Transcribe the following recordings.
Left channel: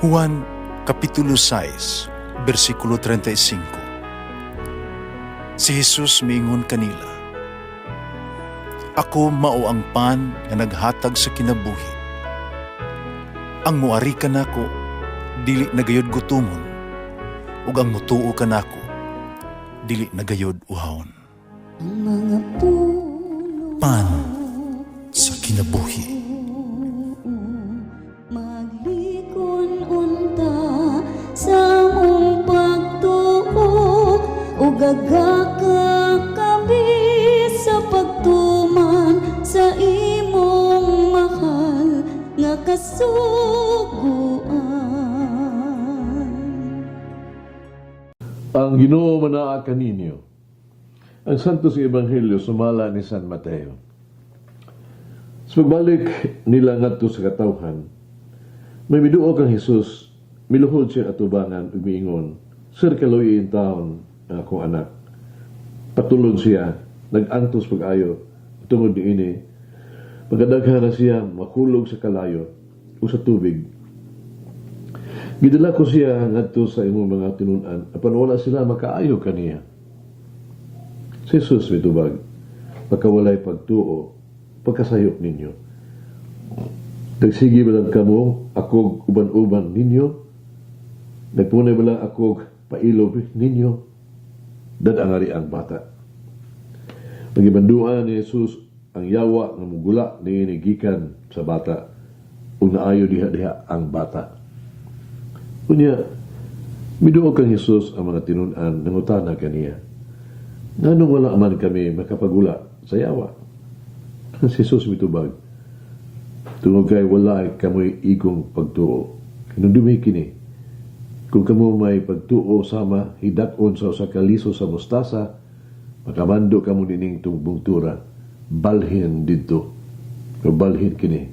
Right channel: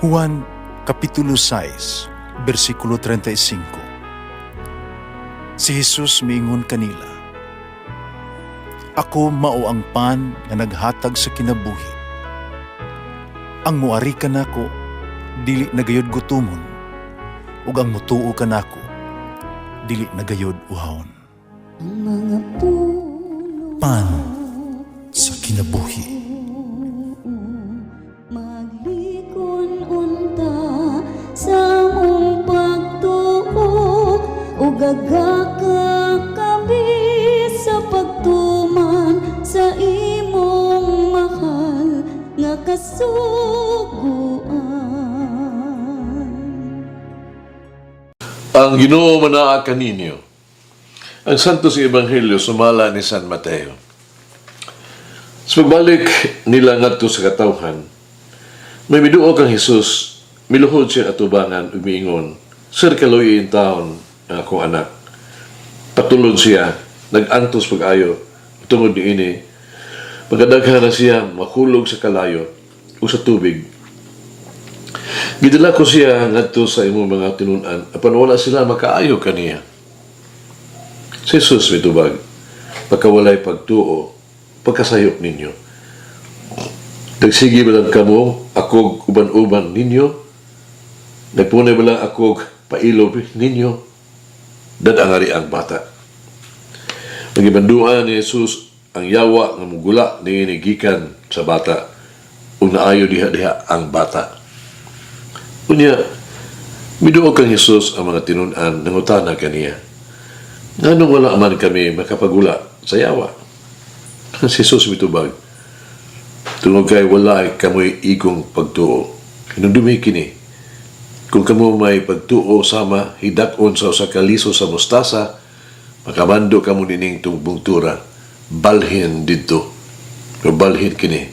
Juan Kapitulo 6, versikulo 35. Si Jesus miingon kanila, "Ako mao ang pan nga naghatag sa kinabuhi. Ang muari kanako dili nagayod gutumon, ug ang mutuo kanako dili nagayod uhawon." Ang mga puno Pan sa kinabuhi. maglikon unta sa mong pagtuo ug gagaka kami sa pagtuman sa imong mahal nga kasuguan. Ang Ginoo manaa kaninyo. Ang Santos Ebanghelyo sumala ni San Mateo. Sa pagbalik nila ngadto sa katawhan, may miduo kang Jesus, miluhod siya atubangan ug miingon, "Sir, kaloy in taon ang akong anak." Patulod siya, nag-antos pag-ayo, tungod niini, pagkadaghan na siya makulog sa kalayo o sa tubig. Gidala ko siya ngadto sa imong mga tinun-an, apan wala sila makaayo kaniya. Si Jesus mitubag, pagkawalay pagtuo, pagkasayop ninyo. Nagsige ba lang kamo, akog uban-uban ninyo? Nagpunay ba lang akog pailob ninyo? Dadangari ang bata. Nagibanduan ni Jesus ang yawa ng mugula ni inigikan sa bata o naayo diha-diha ang bata. Unya, miduog kang Jesus ang mga tinun-an nangutana kaniya. Nganong wala man kami makapagula sa yawa? Si Jesus mitubag, tungod kay wala kamoy igong pagtuo. Hinundumi kini. Kung kamo may pagtuo sama hidakon sa usa ka liso sa mustasa, makamando kamo nining tungbungtura, balhin didto. O balhin kini.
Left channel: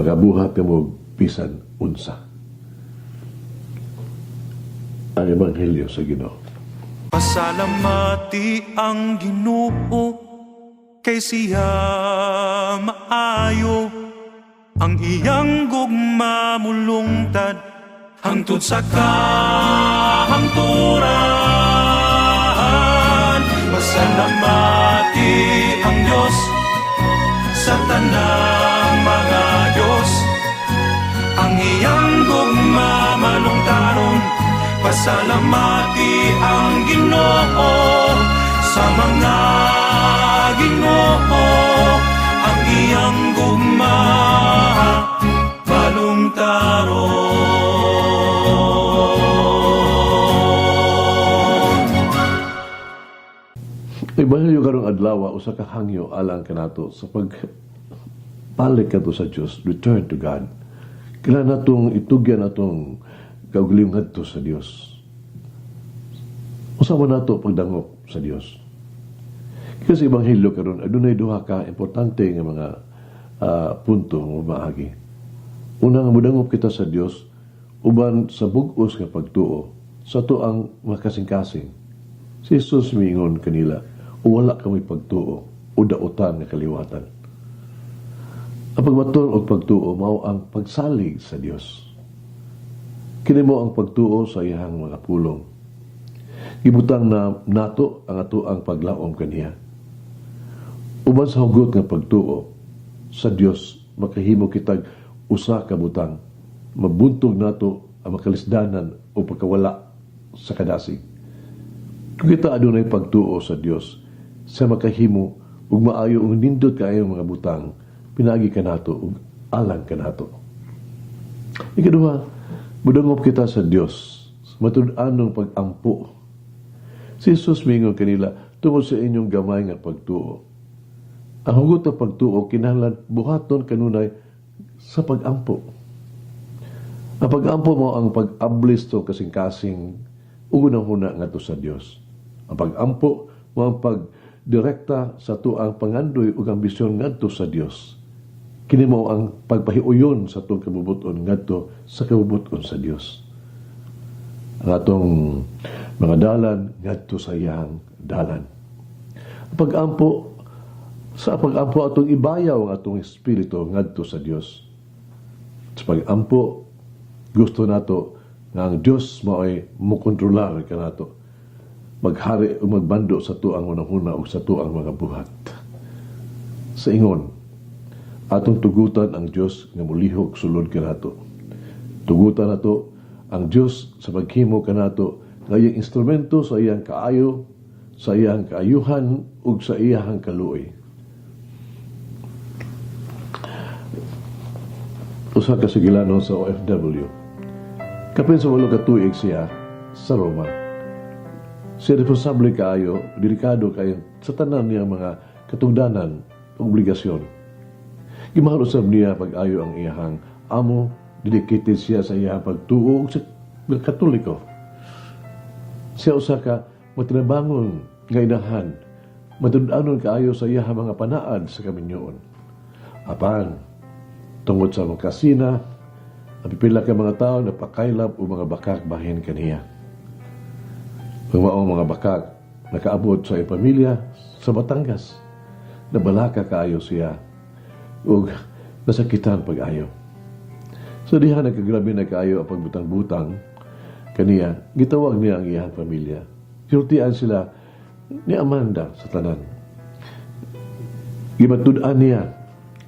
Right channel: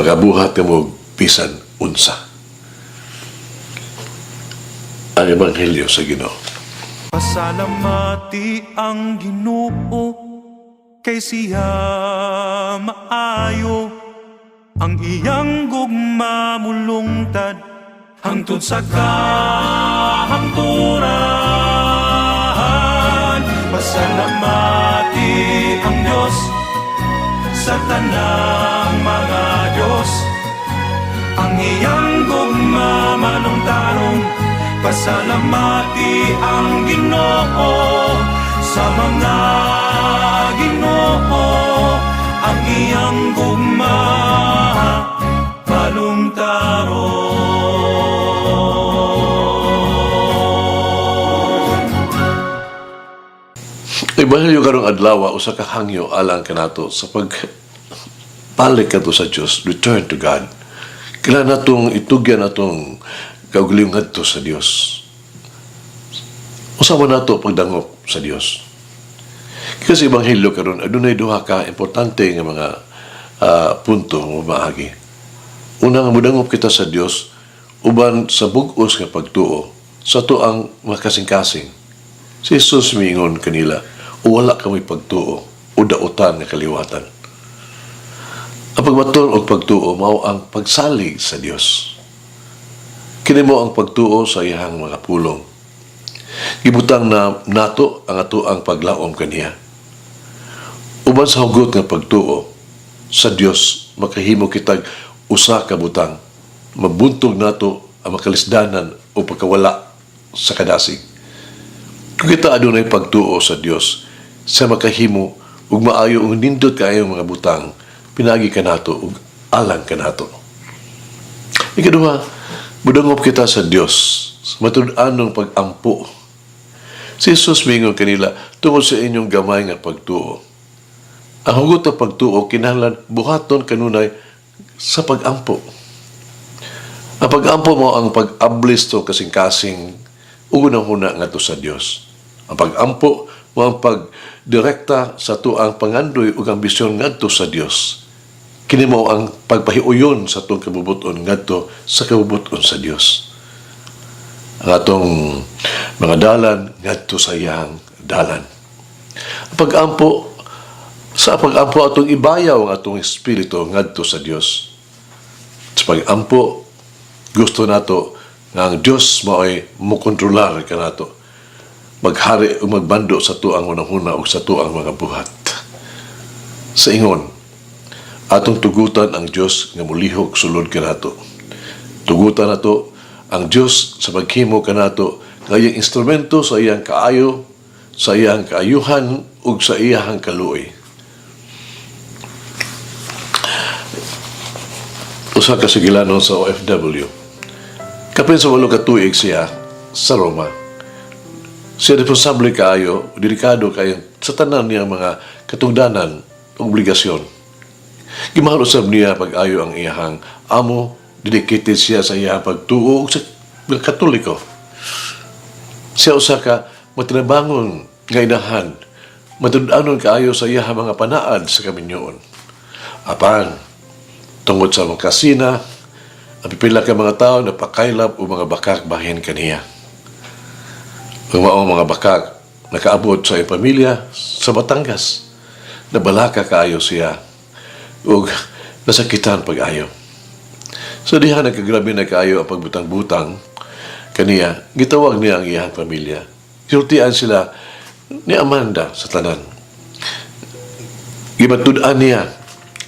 Makabuhat kamo bisan unsa. Ang Ebanghelyo sa Ginoo. Pasalamati ang Ginoo kay siya maayo, ang iyang gugma mulungtad hangtod sa kahangturan. Pasalamati ang Diyos sa tanang mga Diyos, ang iyang gugma malungtaron. Pasalamati ang Ginoo sa mga Ginoo, ang iyang gugma balungtaron. Ebanghelyo karong adlaw usa ka hangyo alang kanato sa pagbalik kadto sa Dios, return to God. Kailangan natong itugyan atong kaugalingon ngadto sa Dios. Usawa nato pagdangop sa Dios. Kasi Ebanghelyo karon adunay duha ka importante nga mga punto nga maagi. Una nga modangop kita sa Dios uban sa bug-os nga pagtuo sa tuang makasing-kasing. Si Jesus miingon kanila, wala kami pagtuo o dautan nga kaliwatan. Ang pagbaton o pagtuo mao ang pagsalig sa Dios. Kini mo ang pagtuo sa iyang mga pulong. Gibutang na nato ang ato ang paglaom kaniya. Uban sa hugot nga pagtuo sa Dios, makahimo kitag usa ka butang. Mabuntog nato ang makalisdanan o pagkawala sa kadasig. Kung kita adunay pagtuo sa Dios, sa makahimo ug maayo ug nindot kaayo mga butang, pinagi ka nato ug alang ka nato. Ikaduha, budangop kita sa Dios, matud-anong pag-ampo. Si Jesus mingon kanila, tungod sa inyong gamay nga pagtuo. Ang hugot ng pagtuo, kinahanglan buhaton kanunay sa pag-ampo. Ang pag-ampo mo ang pag-ablis to kasing-kasing unang-una nga to sa Dios. Ang pag-ampo mo ang pagdirekta sa tuang pangandoy ug ambisyon ngadto sa Dios. Kini mao ang pagpahiuyon sa atong kabubuton ngadto sa kabubuton sa Dios. Ang atong mga dalan ngadto sa iyang dalan. Ang pag-ampo sa pag-ampo atong ibayaw ang atong espiritu ngadto sa Dios. Sa pag-ampo Gusto nato nga ang Dios mao'y mukontrolar ka nato. Maghari o magbando sa tuang unang-una o sa tuang mga buhat. Sa ingon, atong tugutan ang Dios nga mulihok sulod ka nato. Tugutan nato ang Dios sa paghimo ka nato nga iyang instrumento sa iyang kaayo, sa iyang kaayuhan ug sa iyang kaluoy. Usa ka sigilanon sa OFW. Kapin sa 8 ka tuig siya sa Roma. Siya responsable kaayo, delikado kayo sa tanan niya mga katungdanan, obligasyon. Gimahal usab niya pag-ayo ang iyahang amo, dedicated siya sa iyahang pagtuo sa Katoliko. Siya usa ka matinabangon nga inahan, matudanon kaayo sa iyahang mga panaad sa kaminyoon. Apan, tungod sa mga kasina, ang pipila ka mga tao na pakailap o mga bakak bahin kaniya. Ang mga bakak nakaabot sa iyang pamilya sa Batangas. Nabalaka kaayo siya ug nasakitan pag-ayo. So diha nagkagrabe na kaayo ang pagbutang-butang kaniya, gitawag niya ang iyang pamilya. Sultian sila ni Amanda sa tanan. Gimatud-an niya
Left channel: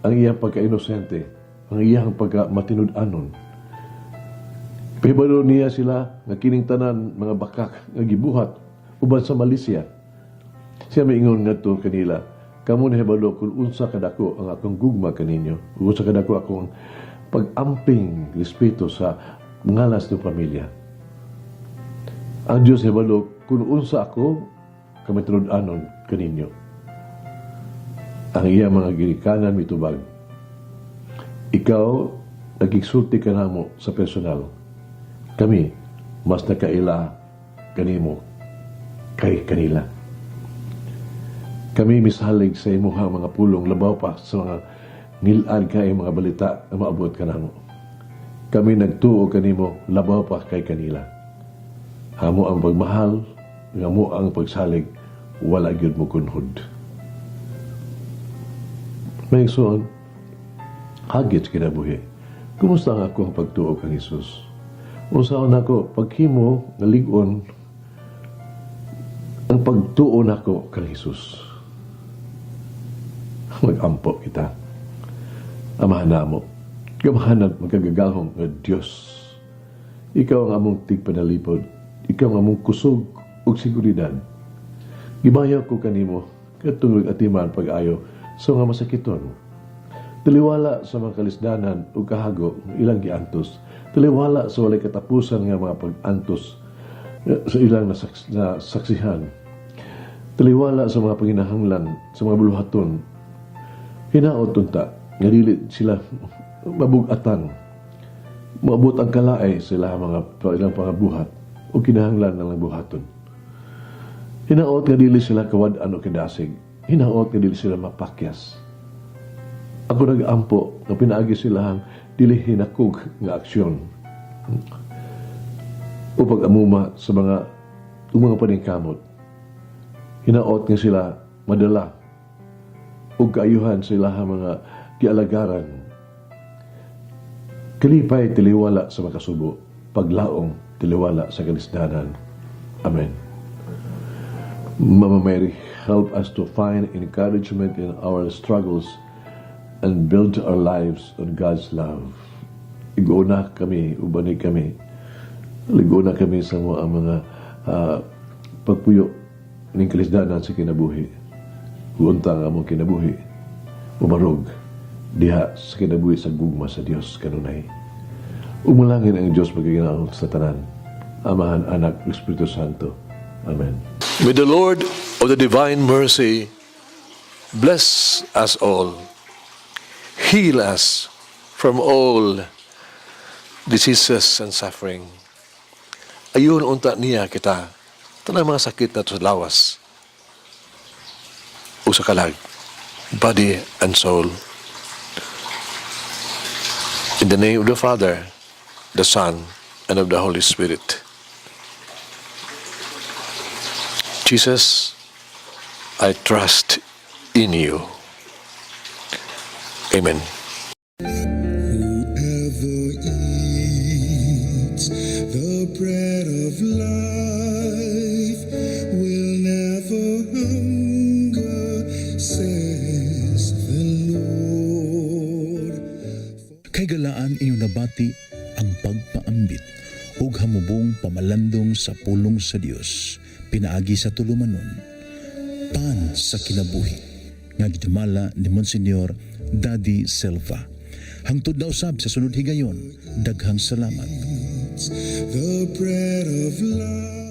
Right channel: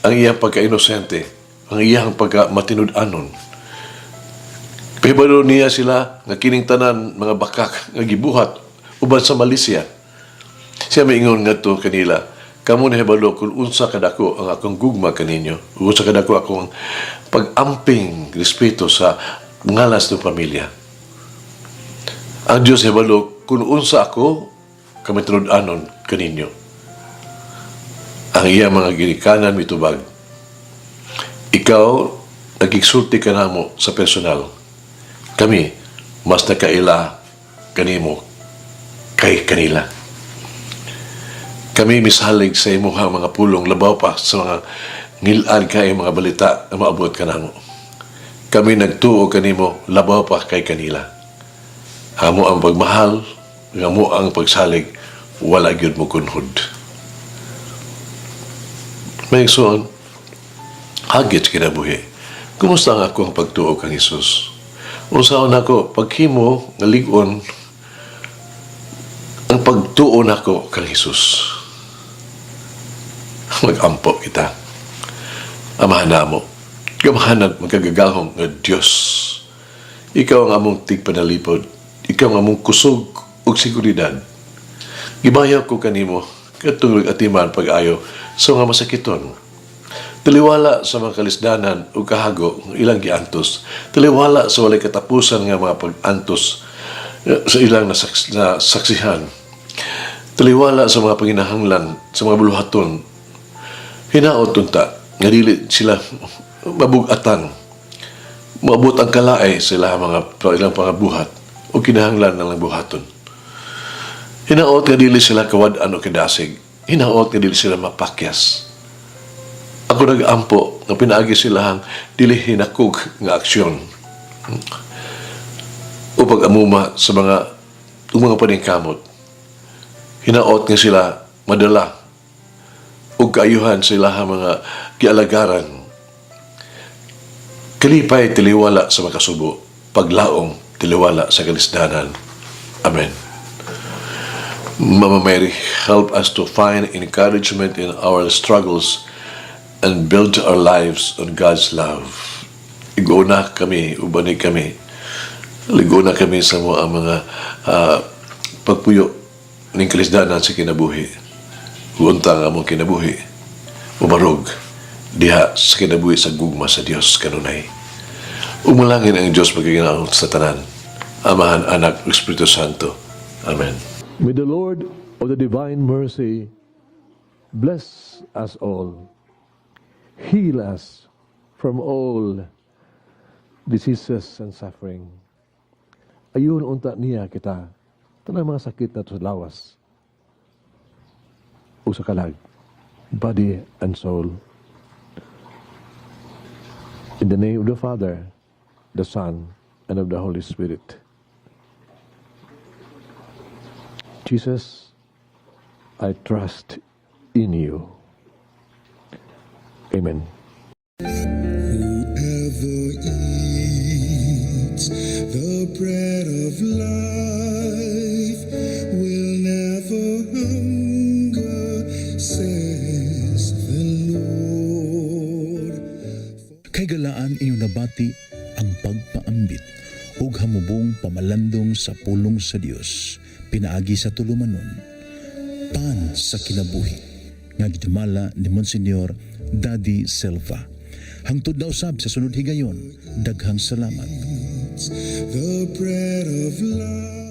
ang iyang pagka-inosente, ang iyang pagka-matinud-anon. Pahibalo niya sila nga kining tanan mga bakak nga gibuhat uban sa Malaysia. Siya maingon ngadto kanila, kamo na hibalo kung unsa kadako ang akong gugma kaninyo, unsa kadako akong pag-amping respeto sa ngalas ng pamilya. Ang Diyos hibalo kung unsa ako kami tinud-anon kaninyo. Ang iya mga ginikanan mitubag. Ikaw nagigsulti ka namo sa personal. Kami, mas nakaila kanimo kay kanila. Kami misalig sa imuhang mga pulong labaw pa sa mga ngilad kay mga balita na maabot ka namo. Kami nagtuo kanimo labaw pa kay kanila. Amo ang pagmahal, amo ang pagsalig, wala gyud mo kunhod. May igsoon, hagit kinabuhi. Kumusta ang akong pagtuo kang Hesus? Unsaon ako, paghimo nga lig-on ang pagtuo nako kang Hesus. Mag-ampo kita. Amahan na mo. Gamahanan magkagagahong nga Diyos. Ikaw ang among tigpanalipod. Ikaw ang among kusog ug seguridad. Gibayaw ko kanimo katulog atiman pag-ayo sa mga masakiton. Taliwala sa mga kalisdanan o kahago ilang giantos. Taliwala sa walay katapusan nga mga pag-antos sa ilang nasaksihan. Taliwala sa mga panginahanglan sa mga buluhaton. Hinaot unta nga dili sila mabugatan. Maabot ang kalaay sa ilang pangabuhat o kinahanglan ng buhaton. Hinaot nga dili sila kawad-an o kadasig. Hinaot nga dili sila mapakyas. Ako nag-ampo na pinaagi silang dili hinakog nga aksyon. O pag-amuma sa mga paningkamot. Hinaot nga sila madala o kaayuhan sila mga kialagaran. Kalipay tiliwala sa makasubo, paglaong tiliwala sa kalisdanan. Amen. Mama Mary, help us to find encouragement in our struggles and build our lives on God's love. Iguna kami, ubani kami. Liguna kami sa mga pagpuyo ng kalisdanan sa kinabuhi. Untang among kinabuhi. Umarog diha sa kinabuhi sa gugma sa Dios kanunay. Umalangin ang Diyos magiginaon sa tanan. Amahan, Anak, Espiritu Santo. Amen. May the Lord of the divine mercy bless us all. Heal us from all diseases and suffering. Ayun unta niya kita, tanang mga sakit na sa lawas o sa kalag, body and soul. In the name of the Father, the Son, and of the Holy Spirit. Jesus, I trust in you. Amen. Whoever is Mahigalaan inyo nabati ang pagpaambit ug hamubong pamalandong sa pulong sa Dios pinaagi sa tulumanon. Pan sa kinabuhi nga gidumala ni Monsignor Daddy Silva. Hangtod na usab sa sunod higayon, daghang salamat. The bread of life.